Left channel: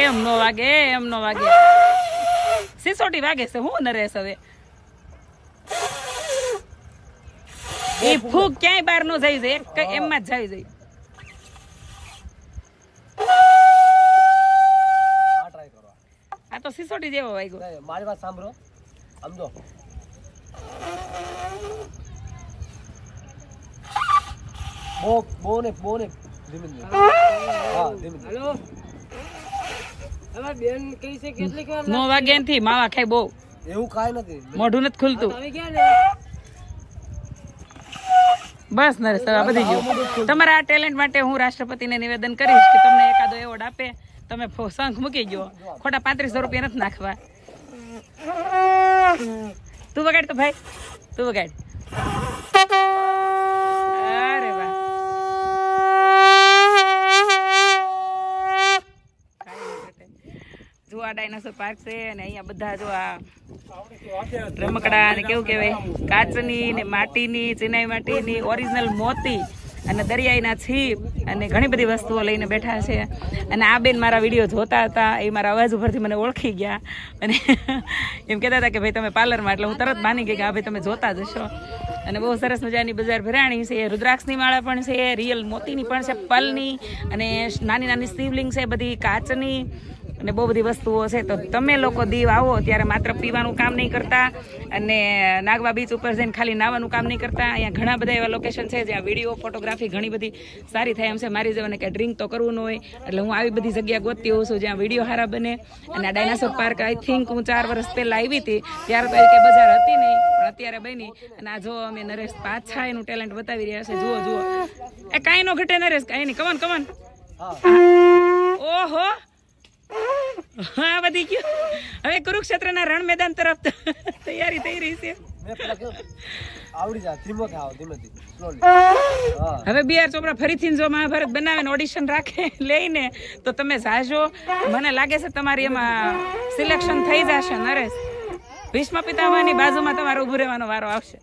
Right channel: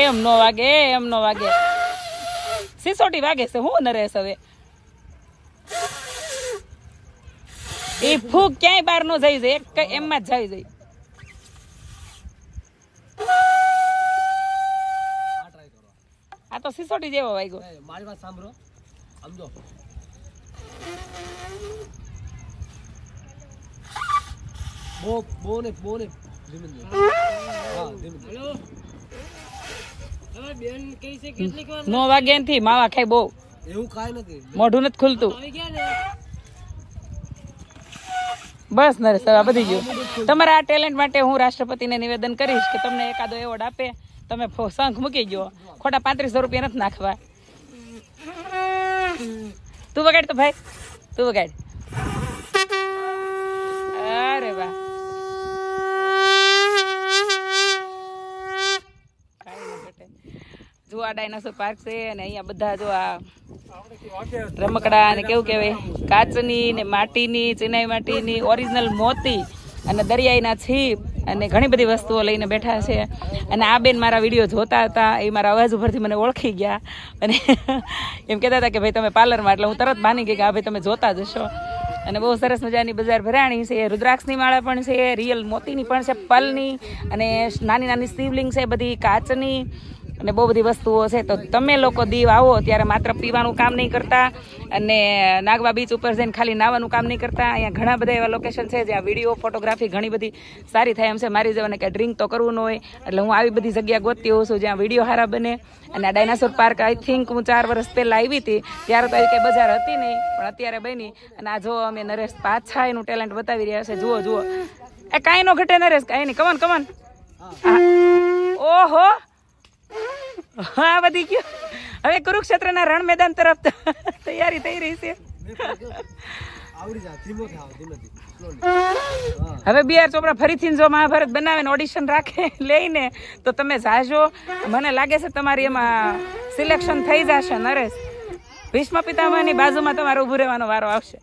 એમ નો વાગે, એમ નો વાગે. સિસોટી વાગે છે હું નરેશ હવે. એ ફૂગ ક્યાંય બહાર નો જાય છે, એમમાં જ જાય છે. આ તો સિસોટી જેવો વાગ્યો. મારી વાત સાંભળો, સમજો. બો ને ધીમે ધીમે. હા ધીમે ધીમે. હેલો બેન કઈ છે કેટલી વાર નો વાગે નથી માવા ખાય બહુ. એવું કાઈ નથી, મોઢું નથી ખુલતું. બસ નરેશ હવે બધી ગયું. તમારા આ ટેલેન્ટ માટે હું રાષ્ટ્રપતિને નિવેદન કરીશ કે તમને એકાદો એવોર્ડ આપે. તમે શંખ મૂકી ગયો, ખોટા 3500 રૂપિયા નથી નાખવા. તું વગાડ તો ભાઈ, તું વગાડ. અરે વાહ, જો આ ડાયનાસોર પાર્ક છે અને અહીંયા બધા જો આ રમકડા અને કેવું કેવાય કાચની ને માટીની, ચિનાઈ માટીની, ઓરિજિનલ મોતી અને દરિયાઈના છીપ અને ઘણી બધી વસ્તુઓ લઈને બેઠા છે. અને આ બેન મારા વિડીયો જોતા હતા, એ મારા અવાજ ઉપરથી મને ઓળખી ગયા અને એમ કહેતા હતા કે ભાઈ તમે પાર્લરમાં, એટલે હું તરત માની ગઈ કે આ ભાઈ તમે જોતા જ હશો. અને બહુ સરસ મજાની બજાર ભરાણી છે. રુદ્રાક્ષની માળા પણ છે, રિયલ મોતીની પણ છે, પલની અને નાની નાની શિવલિંગ છે, બધી કાચની અને બહુ બધી વસ્તુઓ છે. તો તમે લોકો દીવ આવો ત્યારે માત્ર પીવાનું કામ નહીં કરતા અને નાગવા બીચ ઉપર જઈને ખાલી નાવાનું કામ નહીં કરતા. અહીંયા ઘણા બધા એવા લોકેશન છે જ્યાં વિડીયો ફોટોગ્રાફી ઘણી બધી સારી થાય એમ છે. મારી જેવાને કે ડ્રિંક તો કરવું ન હોય એટલે હું આવી બધી જગ્યા ગોતતી હોઉં છું જ્યાં વિડીયો સારા બને. અને આ ડાયનાસોર પાર્ક આઈ થિંક હું 4 વર્ષ પહેલા આવી હતી ત્યારે તો એ બજાર હતી નહીં, પણ અત્યારે બની. અને આ જો અમે નરેશ પાછા એનું ટેલેન્ટ બતાવી રહ્યા છે. જુઓ જુઓ, એ કાંઈ નો ઘટે નરેશ, કાંઈ નહીં. Come on come on. ઓહો, હા વધી ગયો. હવે કુરુક્ષેત્રના રણ મેદાન તરફ તૈયારી થઈ રહી છે. હવે બી આર ચોપડા ફરીથી જો મહાભારત બનાવે ને ઓડિશન રાખે લઈને તો તમે જાજો. મને લાગે છે તમારી એમાં સિલેક્શન થઈ જશે નરેશ. ભીષ્મ પિતામહની બાજુમાં તમારે ઉભું રહેવાનો વારો આવશે.